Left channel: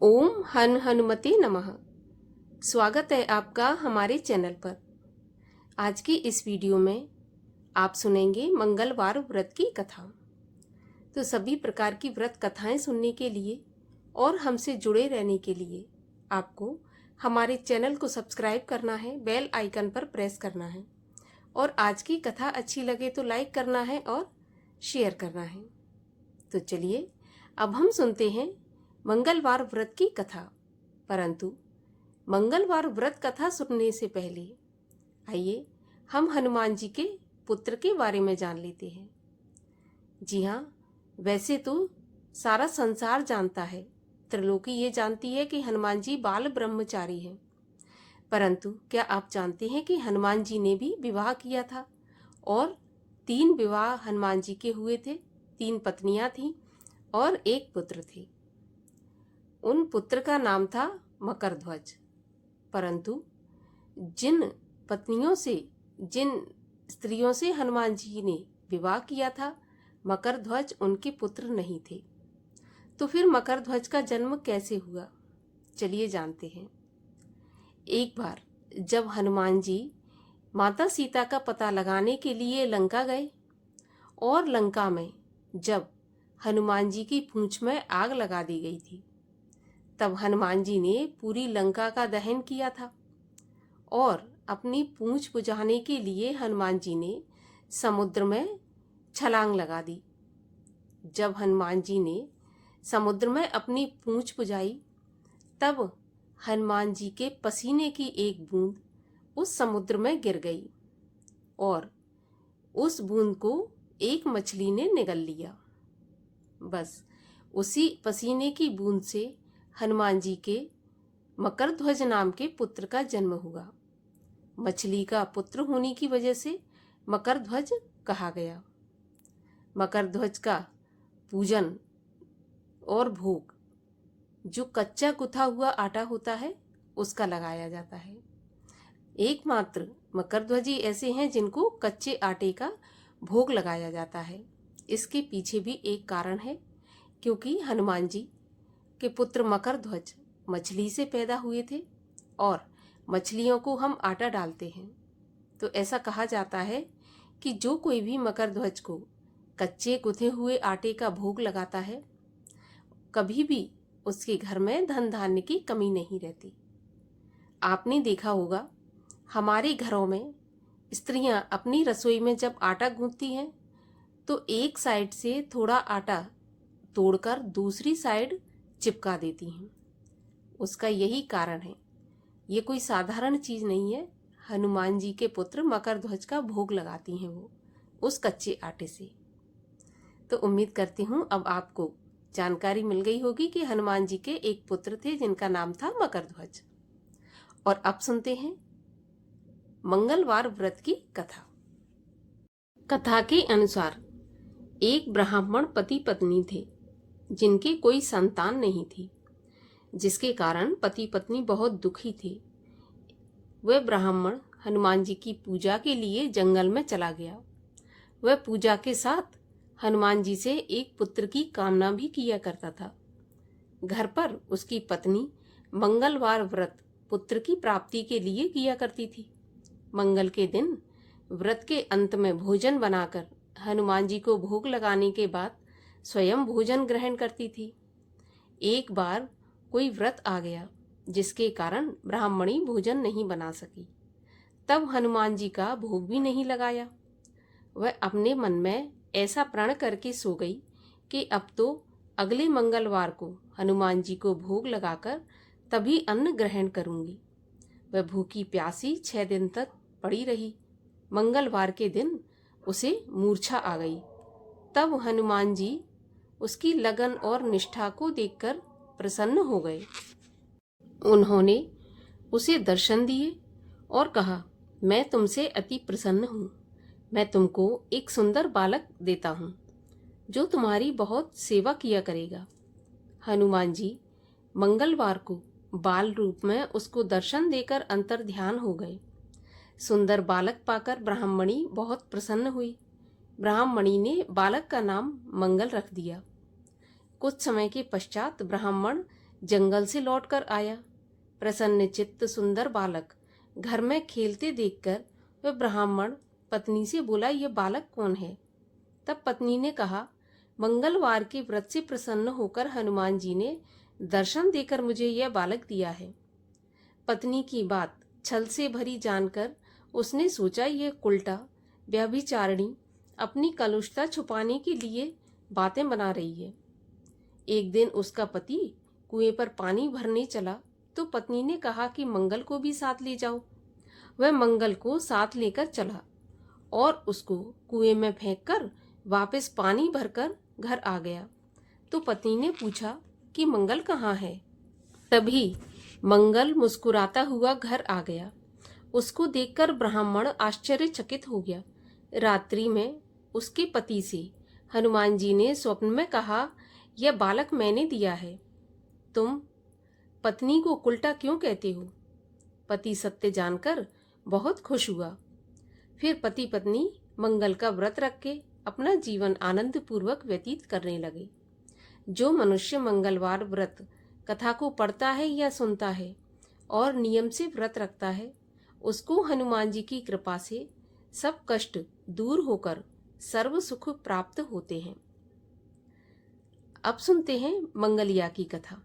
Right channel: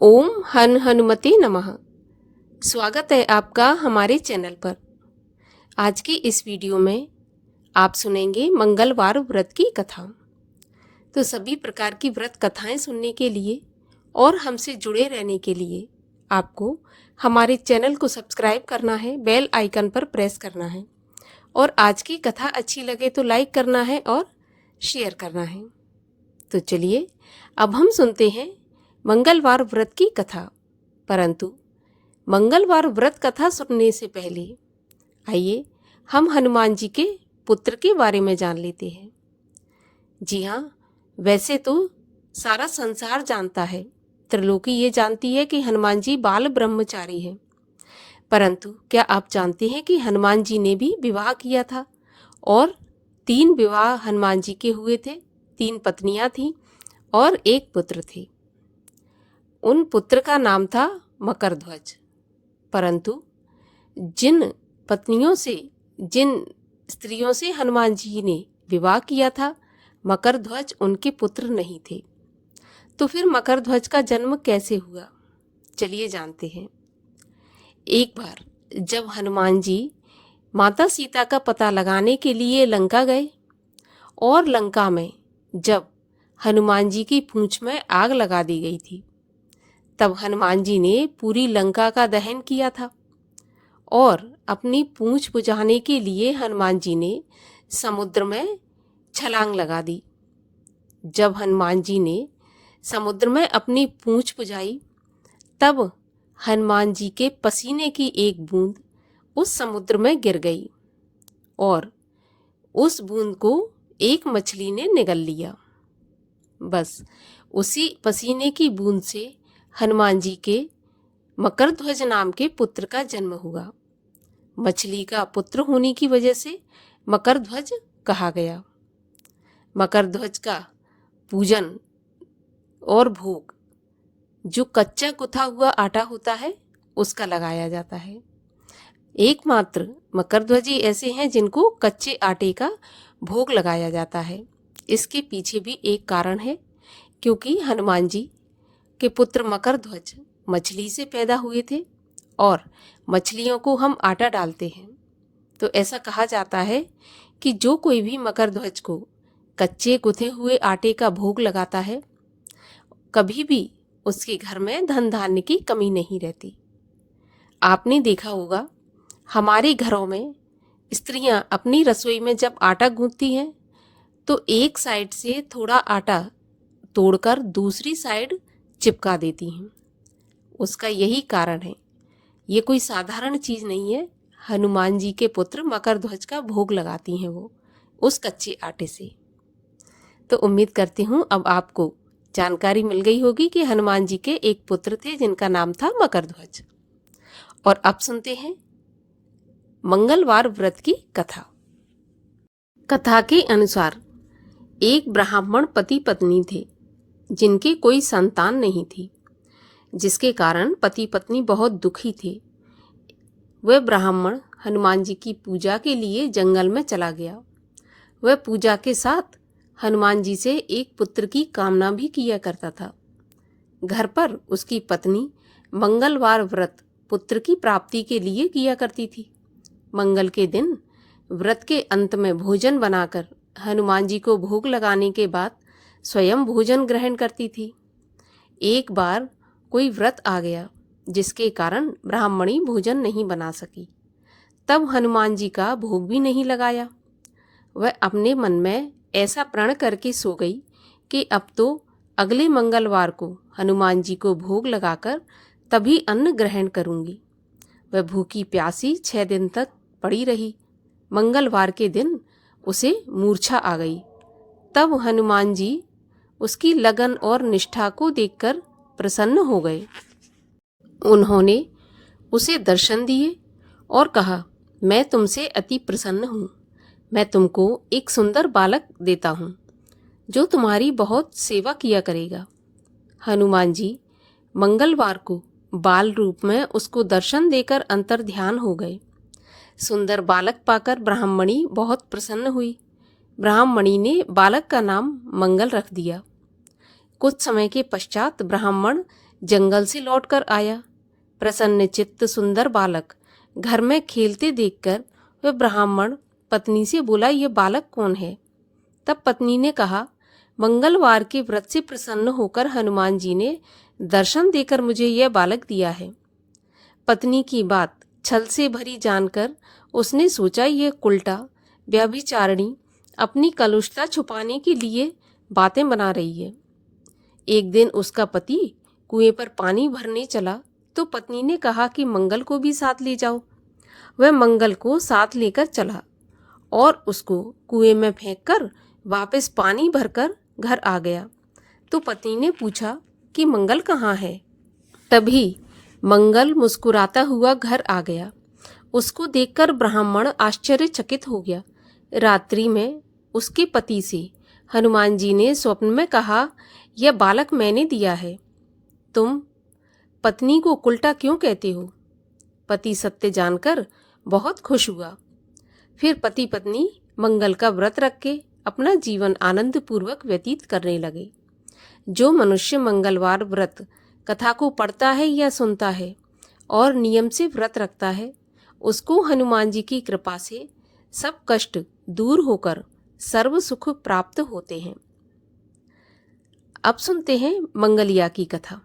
ओम हनुमते नमः। स्वागत है आपका हमारे चैनल पर। आज की इस वीडियो में आप सुनेंगे मंगलवार व्रत की कथा। तो सभी प्रकार की व्रत कथाएं सुनने के लिए और हमसे जुड़े रहने के लिए आपको हमारे चैनल को सब्सक्राइब करना है, बेल आइकन पर प्रेस करना है और आज की कथा अच्छी लगे तो लाइक करना है और शेयर करना है। तो चलिए अब हम सुनते हैं मंगलवार व्रत की कथा। परंतु मंगलवार व्रत कथा सुनने से पहले आइए हम हनुमान जी के पुत्र के बारे में जान लेते हैं। जी हाँ, वैसे तो सारा संसार जानता है, त्रिलोकी ये जानती है कि हनुमान जी बाल ब्रह्मचारी हैं। परंतु क्या आप जानते हैं कि हनुमान जी ने भी विवाह किया था और 3 विवाह हनुमान जी के हुए थे। 3 पत्नियां थीं और 1 पुत्र थे। उन पुत्र का नाम था मकरध्वज। परंतु जिन पत्नियों से, जिन स्त्रियों से हनुमान जी ने विवाह किया था, मकरध्वज उनके पुत्र नहीं थे। तो फिर मकरध्वज का जन्म कैसे हुआ, चलिए जानते हैं। एक बार जब हनुमान जी माता सीता का पता लगाने के लिए लंका गए और लंका में जब हनुमान जी की पूंछ में आग लगा दी गई थी, तब हनुमान जी ने पूरी लंका का दहन किया था और अपनी पूंछ बुझाने के लिए हनुमान जी ने समुद्र में छलांग लगा दी। जब हनुमान जी ने समुद्र में अपनी पूंछ बुझाई, तब हनुमान जी के पसीने की एक बूंद उस समुद्र में गिर गई और उस बूंद को एक मछली ने निगल लिया। बस उसी पसीने की बूंद से हनुमान जी के मकरध्वज नाम के पुत्र का जन्म हुआ। मछली का पुत्र होने की वजह से मकरध्वज कहा गया। मकरध्वज का पूजन और भोग जो कच्चा गुथा हुआ आटा होता है उसका लगाया जाता है। एकमात्र मकरध्वज ऐसे हैं जिनको कच्चे आटे का भोग लगाया जाता है। इसके पीछे भी एक कारण है, क्योंकि हनुमान जी के पुत्र मकरध्वज मछली से पैदा हुए थे और मछलियों को हम आटा डालते हैं। तो ऐसा कहा जाता है कि जो कोई भी मकरध्वज को कच्चे गुथे हुए आटे का भोग लगाता है, कभी भी उसके घर में धन धान्य की कमी नहीं रहती। आपने देखा होगा, हमारे घरों में स्त्रियां अपनी रसोई में जब आटा गूंथती हैं तो एक साइड से थोड़ा आटा तोड़कर दूसरी साइड चिपका देती हैं। उसका यही कारण है। ये कोई साधारण चीज़ नहीं है। हनुमान जी के पुत्र मकरध्वज का भोग लगाती हैं वो उस कच्चे आटे से। तो उम्मीद करती हूँ अब आपको जानकारी मिल गई होगी कि हनुमान जी के एक पुत्र थे जिनका नाम था मकरध्वज। और अब सुनते हैं मंगलवार व्रत की कथा। कथा के अनुसार एक ब्राह्मण पति पत्नी थे जिनके कोई संतान नहीं थी, जिसके कारण पति पत्नी बहुत दुखी थे। वह ब्राह्मण हनुमान जी की पूजा के लिए जंगल में चला गया। वह पूजा के साथ हनुमान जी से एक पुत्र की कामना भी किया करता था। घर पर उसकी पत्नी मंगलवार व्रत पुत्र की प्राप्ति के लिए किया करती थी। मंगल के दिन व्रत के अंत में भोजन बनाकर हनुमान जी को भोग लगाने के बाद स्वयं भोजन ग्रहण करती थी। एक बार कोई व्रत आ गया जिसके कारण ब्राह्मणी भोजन नहीं बना सकी। तब हनुमान जी का भोग भी नहीं लगाया। वह अपने मन में ऐसा प्रण करके सो गई कि अब तो अगले मंगलवार को हनुमान जी को भोग लगाकर तभी अन्न ग्रहण करूंगी। वह भूखी प्यासी 6 दिन तक पड़ी रही। मंगलवार के दिन उसे मूर्छा आ गई। तब हनुमान जी उसकी लगन और निष्ठा को देखकर प्रसन्न हो गए। उन्होंने उसे दर्शन दिए और कहा, मैं तुमसे अति प्रसन्न हूँ। मैं तुमको एक सुंदर बालक देता हूँ जो तुम्हारी बहुत सेवा किया करेगा। हनुमान जी मंगलवार को बाल रूप में उसको दर्शन देकर अंतर्ध्यान हो गए। सुंदर बालक पाकर ब्राह्मणी बहुत प्रसन्न हुई। ब्राह्मणी ने बालक का नाम मंगल रख दिया। कुछ समय के पश्चात ब्राह्मण जंगल से लौटकर आया। प्रसन्न चित्त सुंदर बालक घर में खेलते देखकर वह ब्राह्मण पत्नी से बोला, ये बालक कौन है? तब पत्नी ने कहा, मंगलवार के व्रत से प्रसन्न होकर हनुमान जी ने दर्शन देकर मुझे यह बालक दिया है। पत्नी की बात छल से भरी जानकर उसने सोचा, ये उल्टा व्यभिचारिणी अपनी कलुषता छुपाने के लिए बातें बना रही है। एक दिन उसका पति कुएं पर पानी भरने चला तो पत्नी ने कहा कि मंगल को भी साथ ले जाओ। वह मंगल को साथ लेकर चला और उसको कुएं में फेंककर वापस पानी भरकर घर आ गया। तो पत्नी ने पूछा कि मंगल कहाँ है? तभी मंगल मुस्कुराता हुआ घर आ गया। उसको देखकर ब्राह्मण आश्चर्यचकित हो गया। रात्रि में उसके पति से हनुमान जी ने स्वप्न में कहा, यह बालक मैंने दिया है, तुम पत्नी को उल्टा क्यों कहते हो? पति सत्य जानकर बहुत खुश हुआ। फिर पति पत्नी मंगल का व्रत रख के अपना जीवन आनंद पूर्वक व्यतीत करने लगे। जो मनुष्य मंगलवार व्रत कथा को पढ़ता है या सुनता है और नियम से व्रत रखता है, उसको हनुमान जी की कृपा से सब कष्ट दूर होकर सर्व सुख प्राप्त होते हैं। अब सुनते हैं मंगलिया की कथा।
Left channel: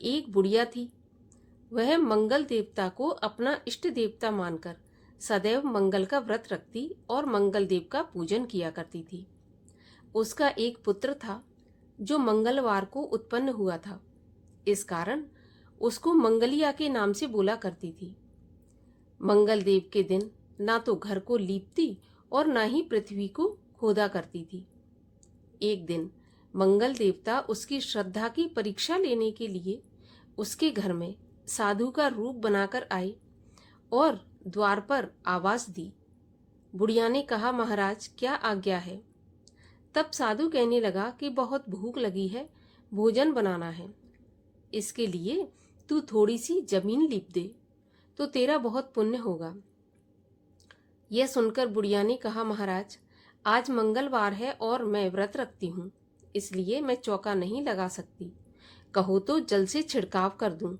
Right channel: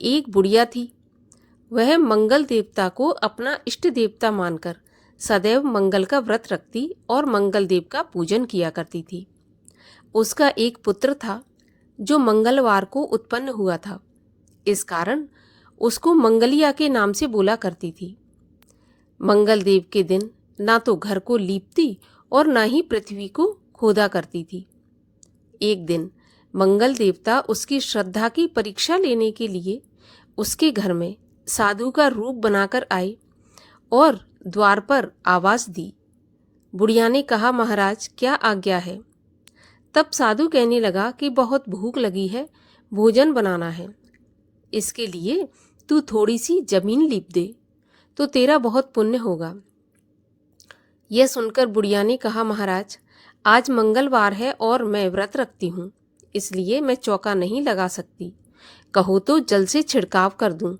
एक बुढ़िया थी। वह मंगल देवता को अपना इष्ट देवता मानकर सदैव मंगल का व्रत रखती और मंगल देव का पूजन किया करती थी। उसका एक पुत्र था जो मंगलवार को उत्पन्न हुआ था। इस कारण उसको मंगलिया के नाम से बोला करती थी। मंगल देव के दिन ना तो घर को लीपती और ना ही पृथ्वी को खोदा करती थी। एक दिन मंगल देवता उसकी श्रद्धा की परीक्षा लेने के लिए उसके घर में साधु का रूप बनाकर आए और द्वार पर आवाज दी। बुढ़िया ने कहा, महाराज क्या आज्ञा है? तब साधु कहने लगा कि बहुत भूख लगी है, भोजन बनाना है। इसके लिए तू थोड़ी सी जमीन लीप दे तो तेरा बहुत पुण्य होगा। यह सुनकर बुढ़िया ने कहा, महाराज आज मंगलवार है और मैं व्रत रखती हूँ, इसलिए मैं चौका नहीं लगा सकती। कहो तो जल से छिड़काव कर दूं,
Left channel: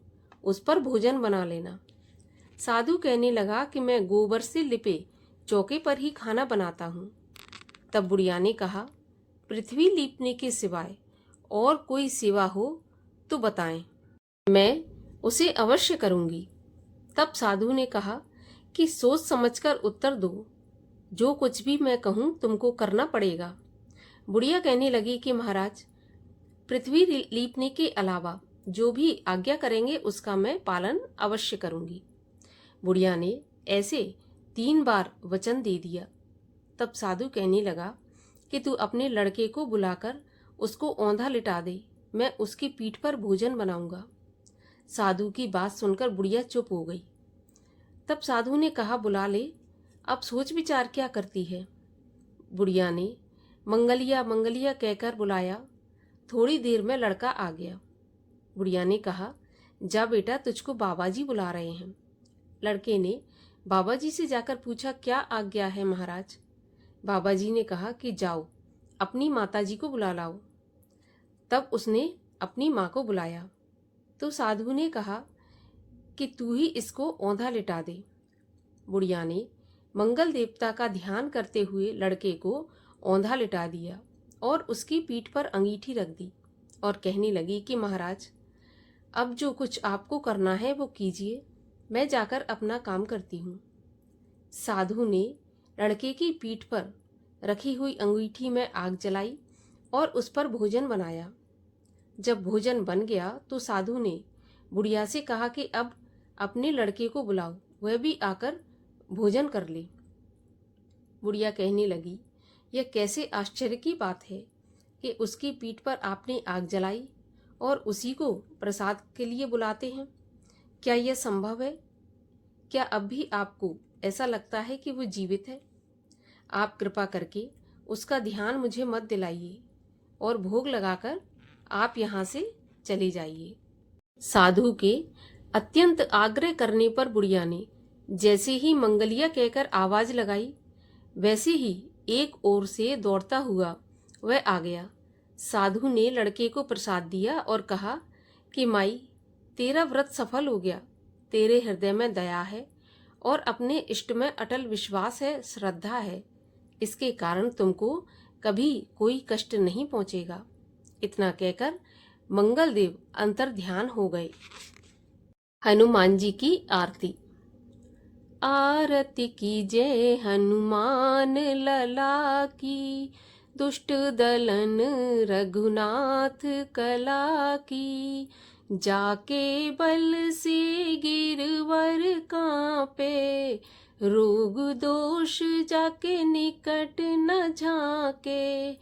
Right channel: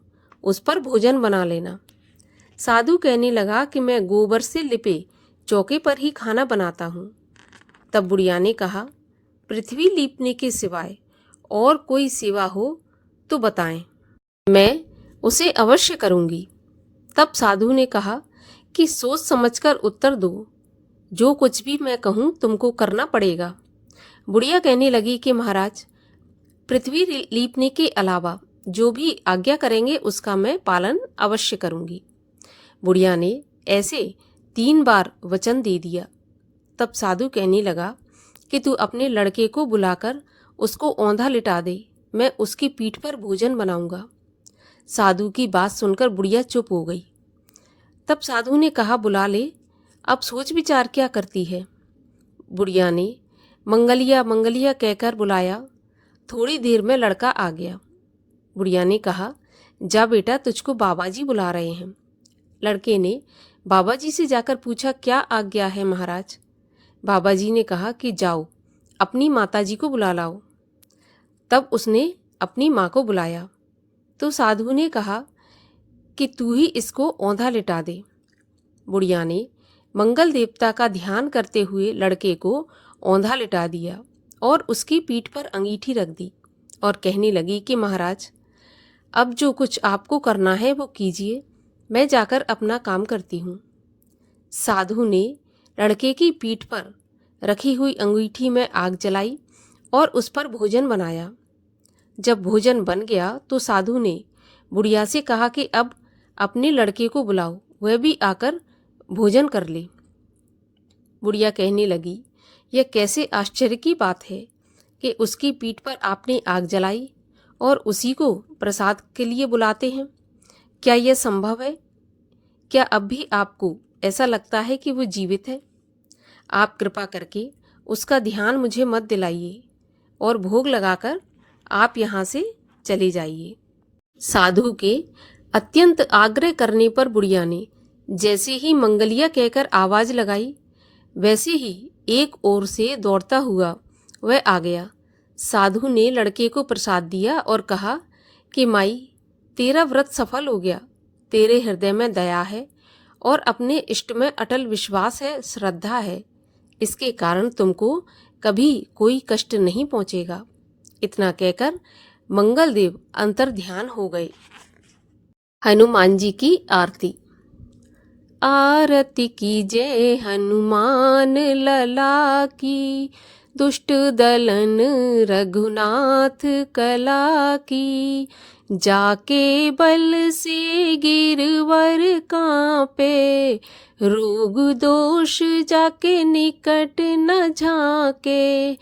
उस पर भोजन बना लेना। साधु कहने लगा कि मैं गोबर से लिपे चौके पर ही खाना बनाता हूँ। तब बुढ़िया ने कहा, पृथ्वी लीपने के सिवाय और कोई सेवा हो तो बताएं, मैं उसे अवश्य करूँगी। तब साधु ने कहा कि सोच समझकर उत्तर दो, जो कुछ भी मैं कहूँ तुमको करना पड़ेगा। बुढ़िया कहने लगी कि महाराज पृथ्वी लीपने के अलावा जो भी आज्ञा करेंगे उसका मैं पालन अवश्य करूँगी। बुढ़िया ने ऐसे 3 बार वचन दे दिया। तब साधु कहने लगा कि तू अपने लड़के को बुलाकर उसको औंधा लिटा दे, मैं उसकी पीठ पर भोजन बनाऊंगा। साधु की बात सुनकर बुढ़िया चुप हो गई। तब साधु ने कहा, बुला ले, अब सोच विचार क्या करती है? बुढ़िया ने मंगलिया मंगलिया कहकर बुलाया। थोड़ी देर में लड़का आ गया। बुढ़िया ने कहा, जा बेटा, तुझको बाबा जी बुला रहे हैं। लड़के ने बाबा जी से जाकर पूछा, क्या आज्ञा है महाराज? बाबा जी ने कहा कि जाओ अपनी माता जी को बुला लाओ। तब उसने अपनी माँ को बुलाया तो साधु ने कहा कि तू ही इसको औंधा लिटा दे। बुढ़िया ने मंगल देवता का ध्यान करते हुए लड़के को औंधा लिटा दिया और उसकी पीठ पर अंगीठी रख दी और कहने लगी कि महाराज अब जो कुछ आपको करना है वो कीजिए, मैं जाकर अपना काम करती हूँ। साधु ने लड़के की पीठ पर रखी हुई अंगीठी में आग जलाई और उस पर भोजन बनाया। जब भोजन बन गया तो साधु ने बुढ़िया से कहा कि अब अपने लड़के को बुलाओ, वह भी आकर भोजन कर ले। बुढ़िया कहने लगी, यह कैसे आश्चर्य की बात है कि उसकी पीठ पर आपने आग जलाई और उसी को प्रसाद के लिए बुलाते हैं। क्या यह संभव है? क्या अब भी आपको ऐसा लगता है कि वो जीवित है? आप कृपा करके उसका ध्यान मुझे मत दिलाइए और भोग लगाकर आप यहाँ से चले जाइए। साधु के अत्यंत आग्रह करने पर बुढ़िया ने जैसे ही मंगलिया कहकर आवाज लगाई, वैसे ही एक ओर से दौड़ता हुआ वह आ गया। साधु ने लड़के को प्रसाद दिया और कहा कि माई, तेरा व्रत सफल हो गया, तेरे हृदय में दया है और अपने इष्ट में अटल विश्वास है, श्रद्धा है, इसके कारण तुमको कभी कोई कष्ट नहीं पहुंचेगा। इतना कहकर मंगल देव अंतर ध्यान हो गए। हनुमान जी की आरती। आरती कीजय हनुमान लला की, दुष्ट दलन रघुनाथ कला की। जाके बल से गिरवर कांपे, रोग दोष जाके निकट न झाके।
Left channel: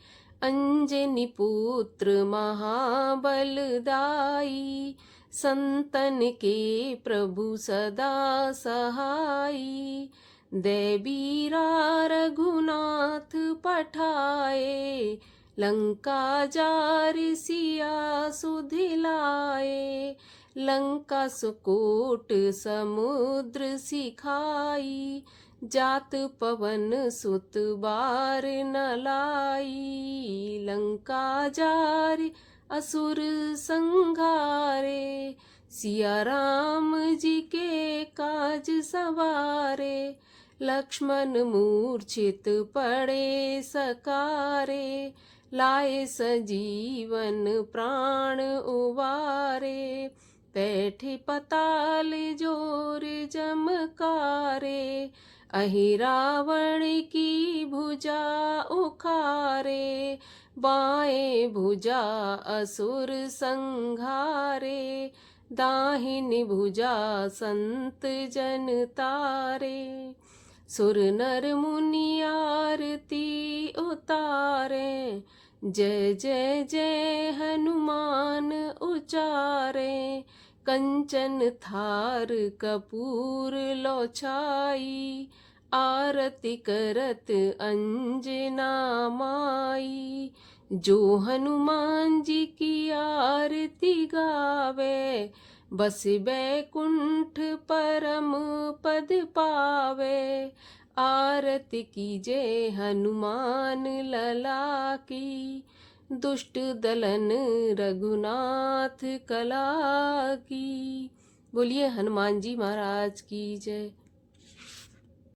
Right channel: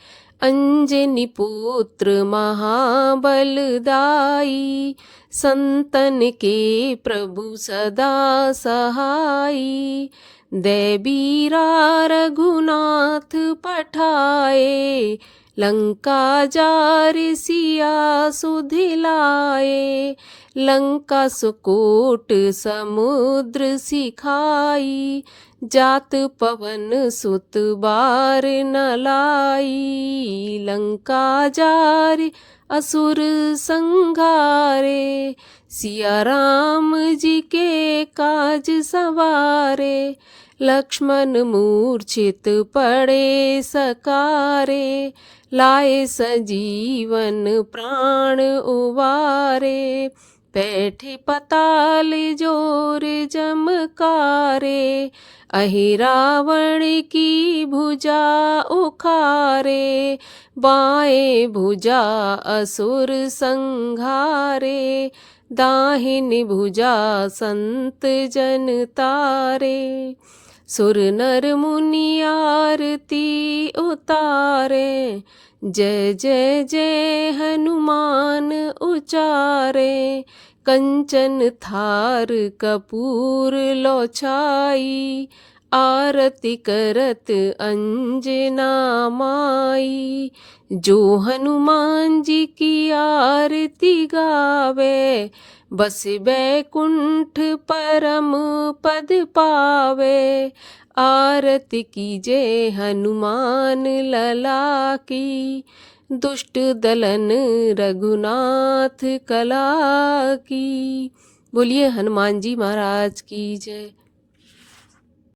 अंजनी पुत्र महाबलदाई, संतन के प्रभु सदा सहाई। दैबीरा रघुनाथ पठाए, लंका जार सिया सुधिलाए। लंका सुकोट समुद्र सिखाई, जात पवन सुत बार न लाई। लंका जार असुर संघारे, सिया राम जी के काज सवारे। लक्ष्मण मूर्छित पड़े सकारे, लाए सजीवन प्राण उबारे। बैठे पताल जोर जमकारे, अहि रावण की भुजा उखारे। बाएं भुजा असुर संघारे, दाहिनी भुजा संत जन तारे। सुर नर मुनि आरती उतारे, जय जय जय हनुमान उचारे। कंचन थार कपूर लो छाई, आरती करत अंजना माई। जो हनुमान जी की आरती गावे, बस बैकुंठ परम पद पावे। आरती कीजय हनुमान लला की, दुष्ट दलन रघुनाथ कला की। बोलिए हनुमान जी महाराज की जय।